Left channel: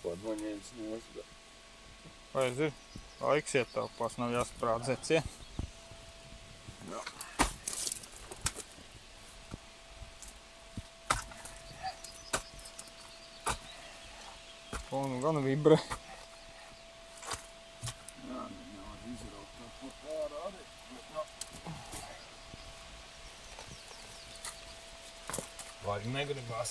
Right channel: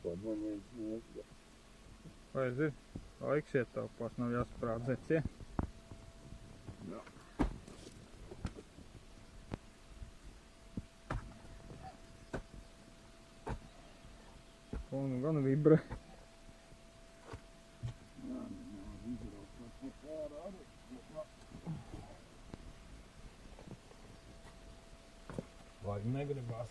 vispār noņēmis nost. Vai ir? Laiks ietaupās, nav jāsprādzēts, ja? Jā. Un gan vibrē. Jā, nevar izraut tā pārā arī. Vai negribās?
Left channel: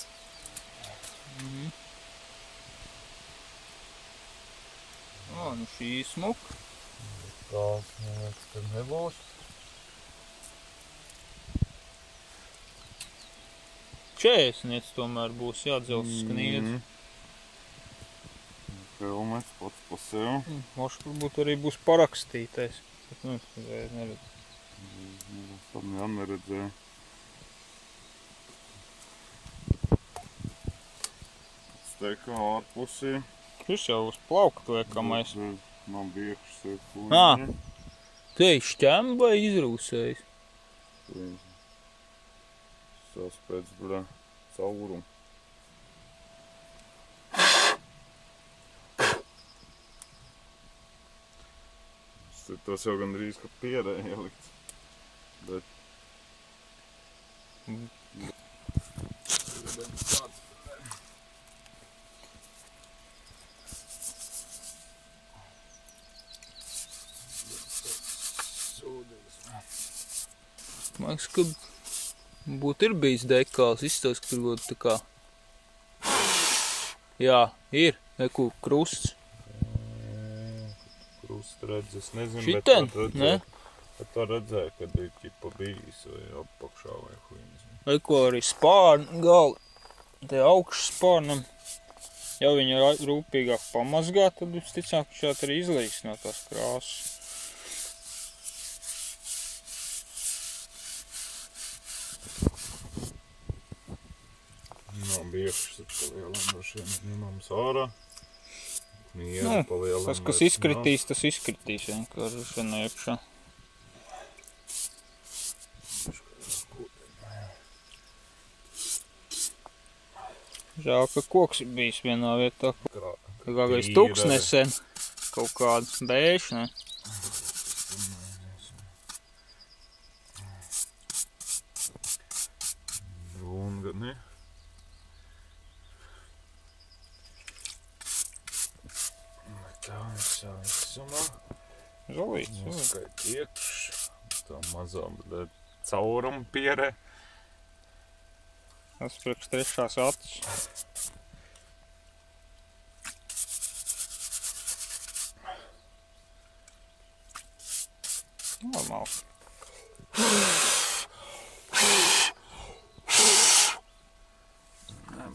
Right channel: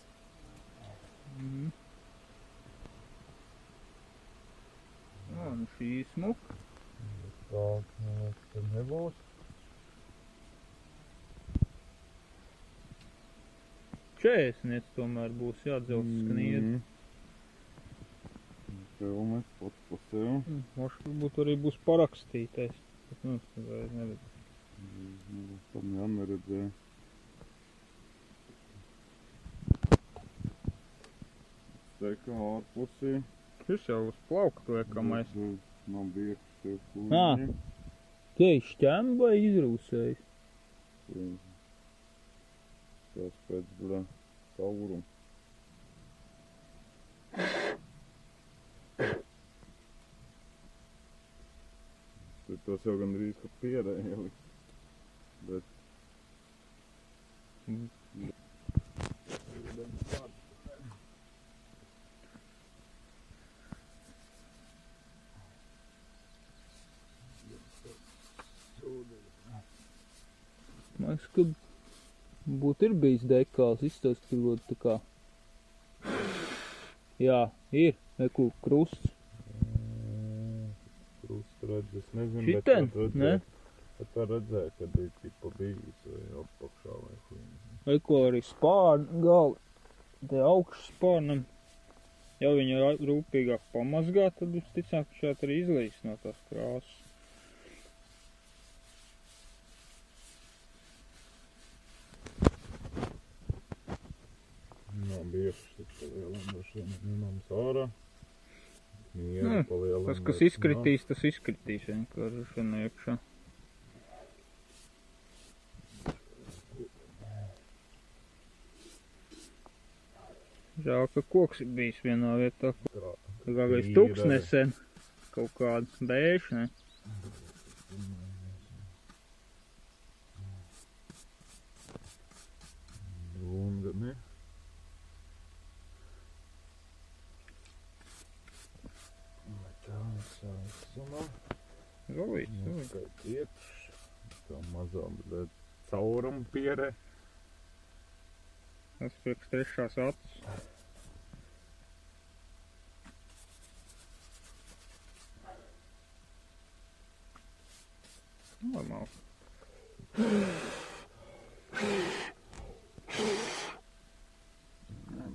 Nu šī smuka. Tās, neliekas, ka nebūs. 40 tomēr būs jādzels skniedz. Filmēts pats pa sev. Mošs varbūt arī būs parakstītais. Neredz. Tam jau neredzēju. Steikā ārpusī. Šis jau uz plauktu liekamais. Nav biekšs ir kuņi. Te ir šķem vai izrūsējis? Saspēc, bļā, caurumu. Tas jau gandrīz, ka pierē ielikts. Bet... Man liekas, ka būtu ir bijis dekāls, izstāst, ka tur būtu tā kā... Jā, ir, neko krusts. Krusts redz, es nezinu, Šitan, ne? Bet tā redzēju, kad ir ķipa bijis vai apakšā vai huīnas. Eko arī spārni gali, te augšas spārnam. Ja viņu rūpīgāk pamazgā, tad visticāk, ka šādi arī izlīs no tās krāsas. Nav biekšs, tad palielam droši vien ņemams ārā. Mieru palielam. Tas, kas izkritīs, tas izkritīs vienkārši šana iekšā. Žēl, ka koks ir bijis vienā vietā. Kākais tuks nesen. Kaut kāds bēšs, ne? Runga, ne? Tā visā visumā. Žalīts. Noskait iekš. Tā mazā, bet caurumu pierē. Tas priekš trešās acis. Normāls.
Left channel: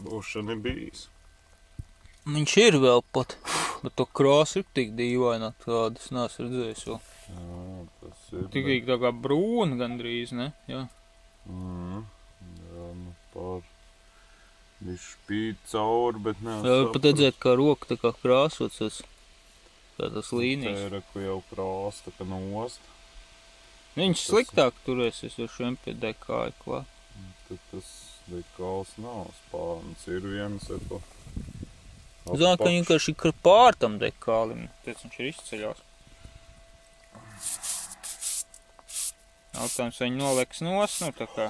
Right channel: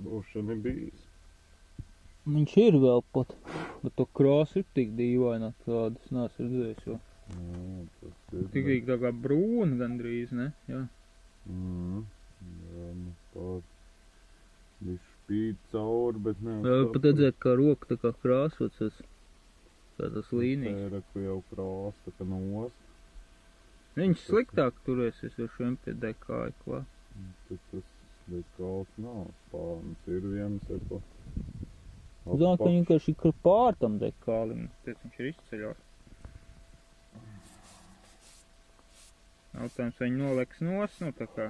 Būšana ir bijis. Viņš ir vēl pat, bet to krāsu ir tik dīvaina tāda, es neesmu redzējis vēl. Jā, tas ir. Tikai tā kā brūna gandrīz, ne? Jā. Jā, nu pār. Viņš spīd cauri, bet nevar Jā, pat redzēt, kā roka tā kā krāsots, kā tas līnijas. Tā ir, ka jau krās, tā kā nost. Viņš sliktāk turēsies ar šiem pie dekāja klāt. Tad tas dekāls nav, spārns ir viens, eko. Zinu, ka vienkārši ir pār tam dekālim, tēc viņš ir izceļās. Jautājums, vai viņi nolieks nos, nu tā kā.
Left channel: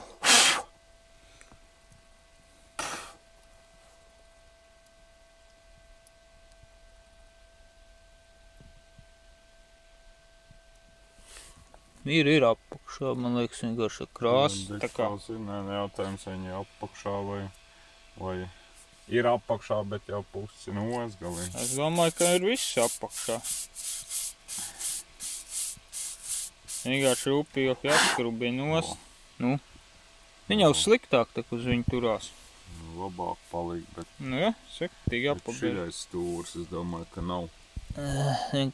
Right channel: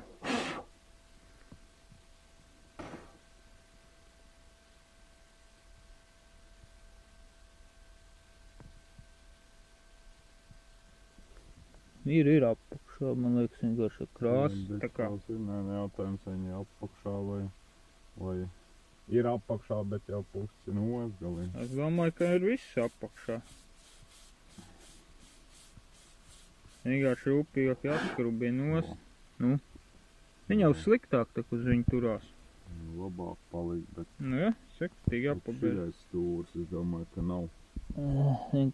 Ir apakšā, man liekas, vienkārši krāsa. Dekāls ir, jautājums, vai viņi apakšā vai ir apakšā, bet jau pusi nosgalī. Es domāju, ka ir viss apakšā. Vienkārši rūpīgāk jāskrubina nost. Nu, viņa jau sliktāk tak uz viņu turās. Labāk palikt, bet... Nu jā, sektīgi jāpabeidz. Bet šiļais stūrs, es domāju, ka nav.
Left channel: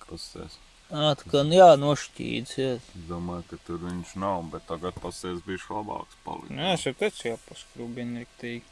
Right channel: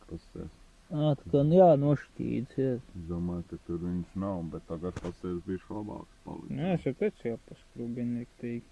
Pasties. Tā kā jānošķīdz, jā. Es domāju, ka tur viņš nav, bet tagad pasties bišķi labāks palikt. Jā, es jau teicu jāpaskrubina riktīgi.